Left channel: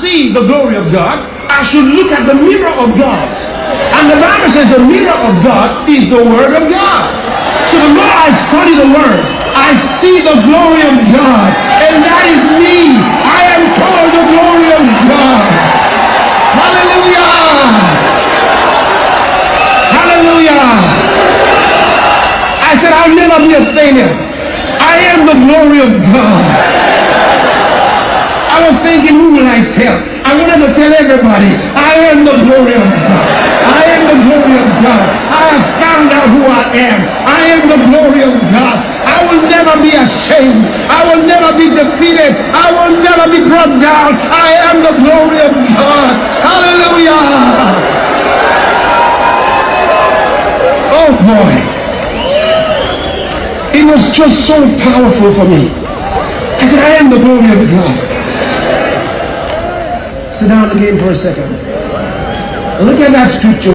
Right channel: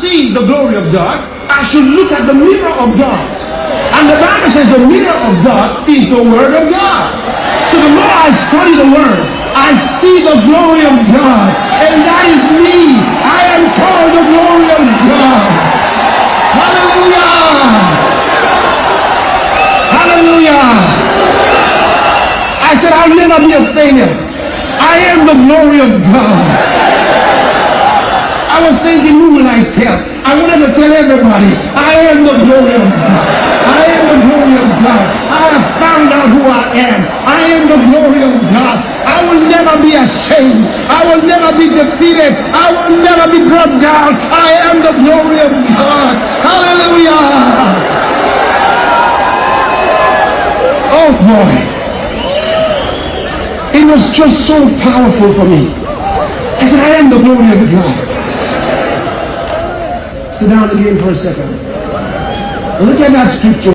see the glory of God, I should look at the mirror of God. And the Bible says the mirror of God is the Word of God. So the more I study the Word, I see the glory of God. And that is me. I am called the glory of God. Hallelujah. Hallelujah. I said I'll never be a failure. I am the glory of God. I was thinking, who will I tell? I wanted to tell everybody, I am the glory of God. I am the glory of God. I have found out who I am. I am the glory of God. I will never be ashamed. I will never be defeated. I will never be brought down. I am the glory of God. Hallelujah. Oh boy. It was just so powerful for me. I said, I am the glory of God. Sit down again for a second. Look at that scripture.